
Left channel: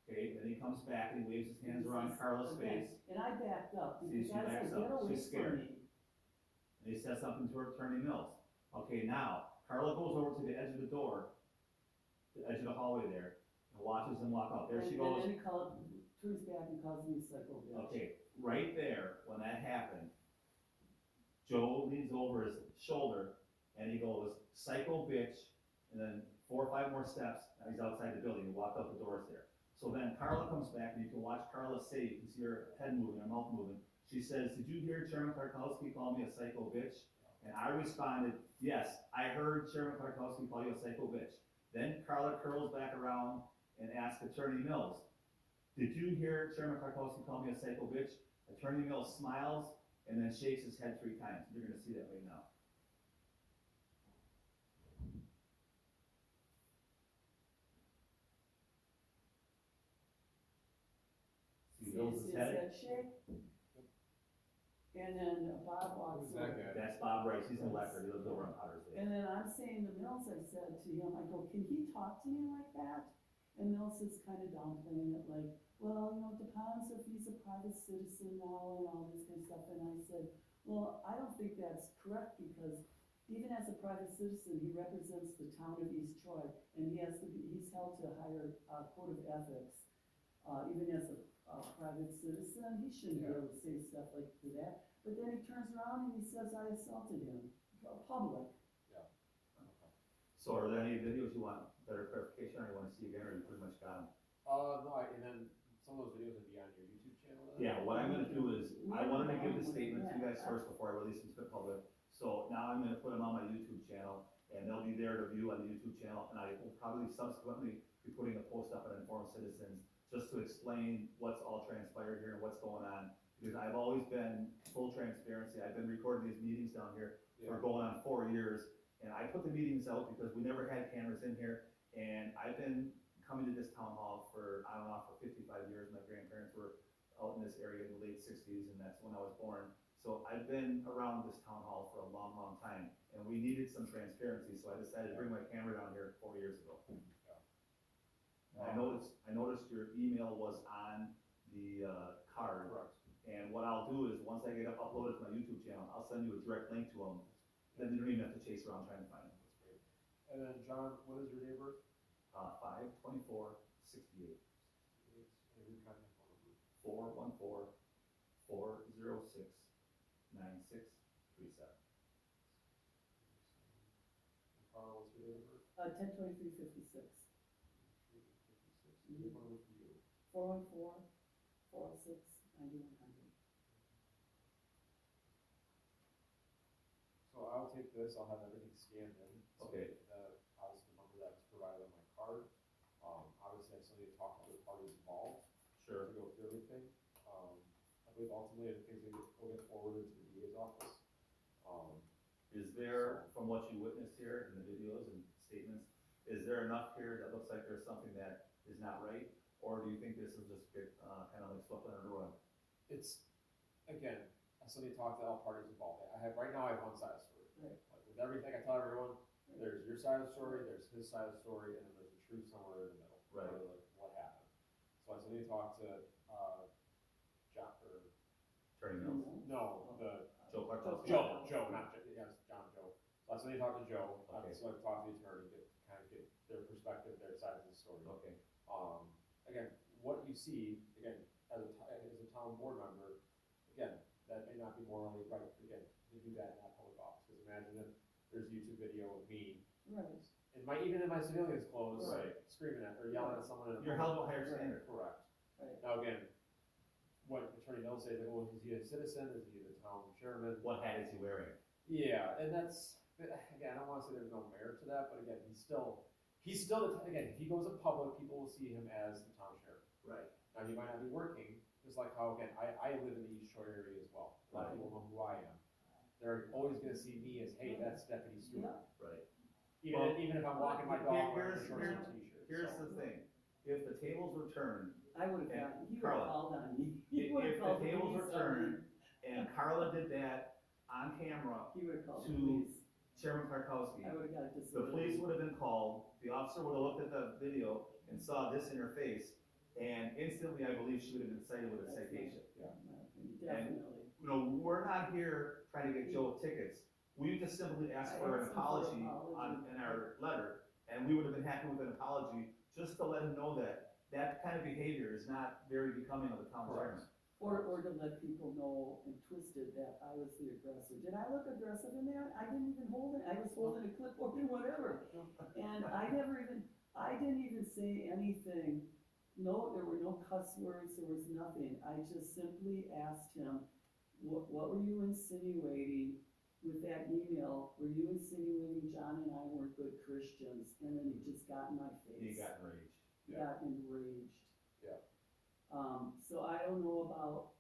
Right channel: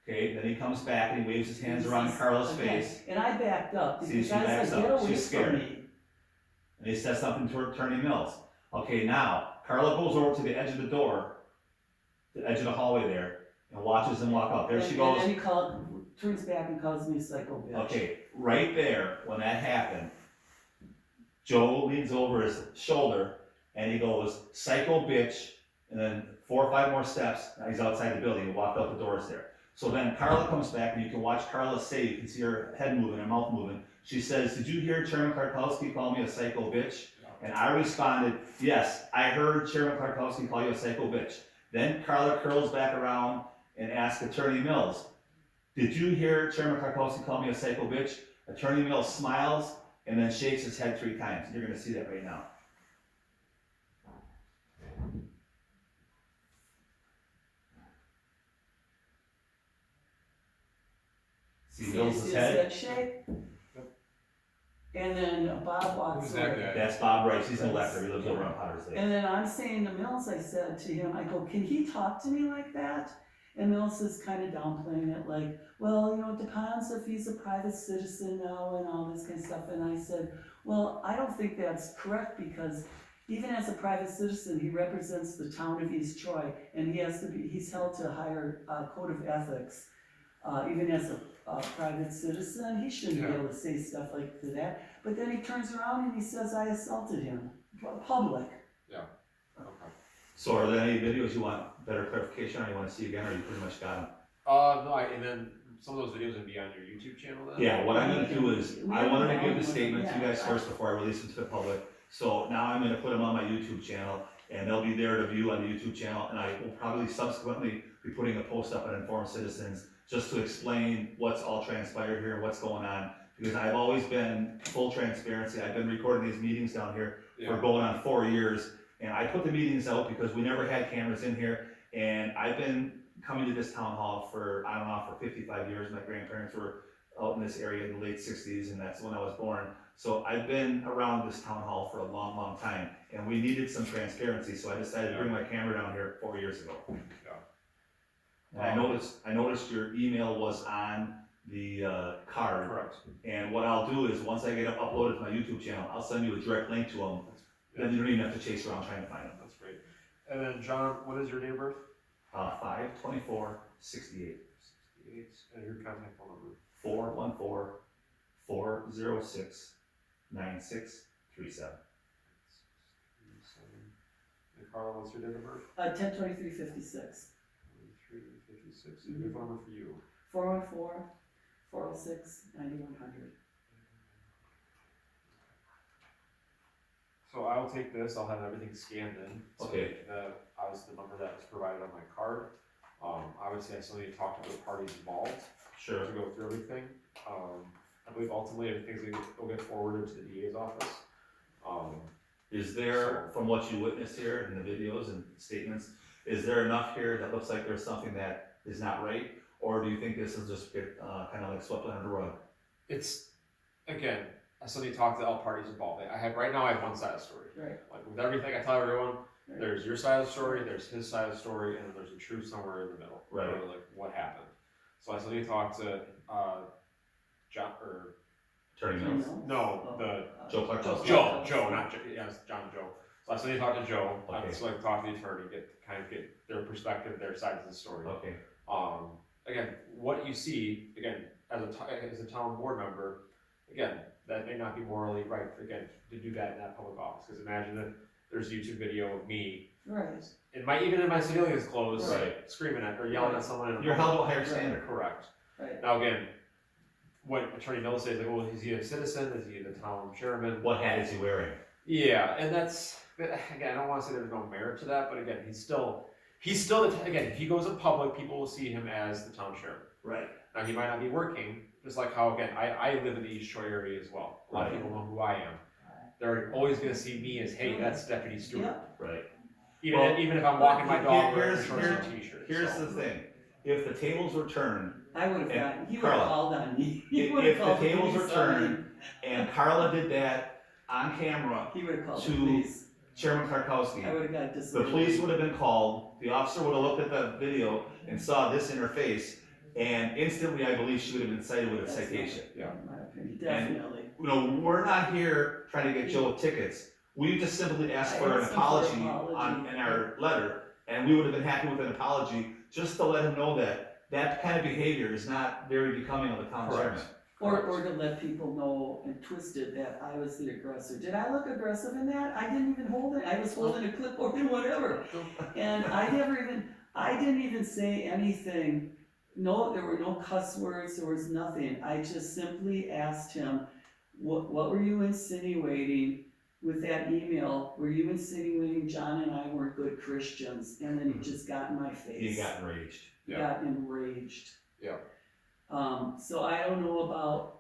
Okay, then he comes back and he waves his hands around Carla's Okay, face. and I backed up, See, because she I was backs like, get up. away She's from scared. me. And he says something to Attorney Mills. Okay, now, Carla goes over to the edge of the door, the edge of the hallway there, and watches him walk out. There she goes. And then he turns back and calls me psycho bitch. Okay, right there, when that happened, Joe leans over his shoulder and he goes, "Psycho bitch," and then 4 or 5 more steps, now he's outside the building, he walked out the doors there. So then Carla comes back and you can watch Carla say, you can see her head moving, her mouth moving. She says, "Did you hear Chairman Klarkowski call me a psycho bitch?" And I responded, "Yes, I heard Chairman Klarkowski call you a psycho bitch." Then Carla curls back around and asks Attorney Mills, "Did you hear Chairman Klarkowski call me a psycho bitch?" Attorney Mills smiles and then shakes his head 3 times. You're gonna see that right now. See Mills' his head? shake? And then Bob walks Who's that away. guy? That's Bob Rice, he's an elector, he lives over on Potter's Lake. And then I'm saying to Mills, I said to him, I go, "Can he talk to me like that?" And Mills is kind of downplaying it, like, "Well, you know, it depends if he's a private citizen now and all this kind of stuff." And I said, "Well, I don't think that's correct, because even as a private citizen, he represents the town of East Troy, and he's held to a higher code of ethics. Even as a private citizen, he shouldn't be able to say stuff like that." But then he turns around and he says I assaulted him, public. Okay. So are there any videos you want better clarification on, you wanna see again, or you pretty much got them? No, and then some of those videos would be on your YouTube channel then? Yeah, what I'm gonna do is, I wanted to give the statement to you guys Yeah. first before I release them to the public. So now I'm gonna put them on my YouTube channel, and they'll be there to view on the YouTube channel, and I will probably subsequently be putting a post up on Informed Citizens, just to explain what's all transpired here and what's going on. Because I've always been full transparency, I've been recording these meetings down here for going on 4 years, and I put the meetings out because we never had cameras in here, and I've been coming to this town hall for, I don't know, for 55 years. My grandparents were out in this area in the late 60s, and that's when I was born. So I've been around this town hall for a long, long time, and we needed some transparency, so I decided to bring my camera down here 4 years ago. And I noticed your email was on the card. Correct. And what I'll do is, once I get it uploaded to my YouTube channel, I'll send you a direct link to them. Then you don't even have to chase around trying to find them. That's great. And then John, what is your date of birth? 5/24/68. 68, and your contact phone number? 414-406-9637. And Carla, what's your date of birth? 10/23/56. 2356. And your phone number for you? 414-406-9100. So I'll take this, I'll have everything scanned in. So Okay. Obviously the number that was provided on my card. Obviously I still need to talk to the parties involved Sure. to go through everything. I believe ultimately everything's will get forwarded to the DA's office. Is there, from what you witnessed here in the videos and statements, is there enough here that looks like there's something that is not right? Or do you think this will just get kind of like swept under the rug? It's, again, I still need to talk to all parties involved. Right now I have one side of the story. Right. Like with everything I tell everyone, Right. there's your side of the story, there's his side of the story, and then there's a truth somewhere in the middle. Right. Or like what happened. So I still need to talk to John, or Attorney Mills? no, the Joe Klarkowski. Joe, not Joe, yes, John Joe. So I still need to talk to Joe, I Okay. still like to talk to the attorney, get their perspective, their side of the story. Okay. Again, what you see, again, as a town board member, again, that may not be morally right, again, to do that in that public office, because imagine that there's a YouTube video of me, Right, even in my civilian's clothes, Right. screaming at, or yelling at someone in a You're public- held to a higher standard. Correct. right. Now again, what Attorney Mills says, like, well, is he a citizen, is he the town chairman? What hat is he wearing? Yeah, and that's, again, I don't wanna say there's no merit to that, but again, he's still, again, if he goes in public, people will see him as the town chairman. Right. Now, he might not be working, just like how, again, I live in the East Troy area as well. A lot of Right. people know who I am. They're always gonna see me as, hey, that's Deputy Stewart. Yeah. Right. Even, Well, even if I'm walking my dog wearing here's- shorts and a t-shirt. Here's so. the thing, if the tables were turned I would have And gotten, he would have Carla, called on me. He if would have the called the tables were police on me. turned and Carla did that on camera, He would have called the to police. Chairman Klarkowski, I would have got the disciplined. police would have been called, the officer would have looked at the video and saw this in her face, and instantly, I believe she would have been cited with a That's citation. Yeah. In my opinion, definitely. You know, we're not here trying to get Joe tickets, we just simply asked I for an asked him for apology an apology. in our letter, and we would have been happy with an apology, just to let him know that that kind of behavior is not very becoming of a town Correct. chairman. Or to let people know and twist it that I was the aggressor. Did I look aggressive in that? I didn't even hold it. I was holding a clipboard and whatever. And I didn't even say anything. No, there were no cuss words, there was nothing. I just simply asked him, what were you insinuating with that email? Were you insinuating John and I weren't good Christians? And then he just got in my face. He got enraged. Yeah. Got enraged. Yeah. So I don't know about,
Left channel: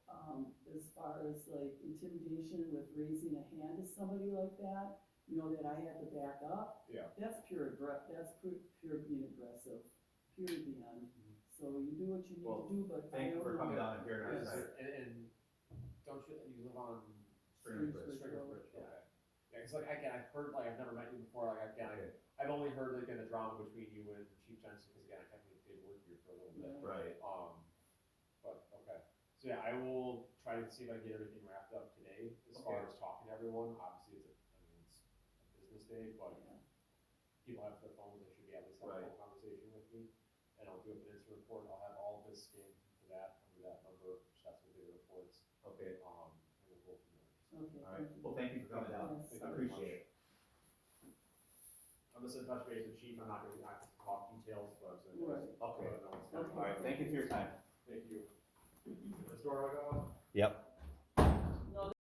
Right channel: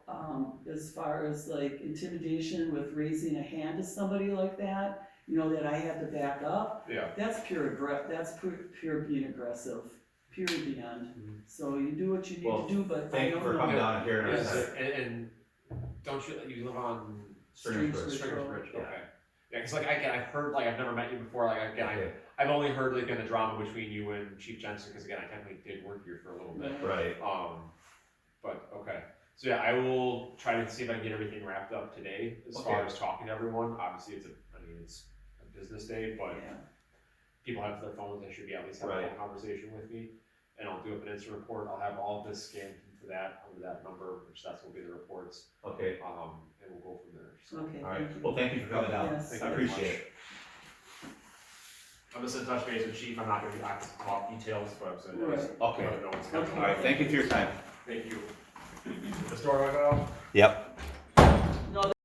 as far as like intimidation with raising a hand to somebody like that, you know, that I had to back up. Yeah. That's pure pure being aggressive, pure beyond. Mhm. So you do what you need Well, to do, but I Thank you don't for know. coming down and hearing our Yes, side. and don't you live on Stringers Stringers Bridge. Stringers Road, Bridge? yeah. Okay. Yeah, cause like again, I've heard, like, I've never met you before, like, again, Okay. I've only heard like in the drama between you and Chief Jensen, cause again, I technically did work here for a little bit. Right. But okay, so yeah, I will try to see if I can get everything wrapped up today as far Okay. as talking to everyone. Obviously, it's a business day, but Yeah. people have their phones, they should be at least having Right. a conversation with me. And I'll do up an instant report, I'll have all of this scanned into that, under that number, which that's will be the reports, Okay, and we'll go from there. So, Okay, all right, thank you. well, thank you for coming down, Yes. thank I you very appreciate much. it. I'm just gonna touch base with Chief, I'm not gonna be back to talk details, but I'm just gonna Right. just Okay. let him know what's going on. Okay. All right, thank you for your time. Thank you. The store went out? Yep.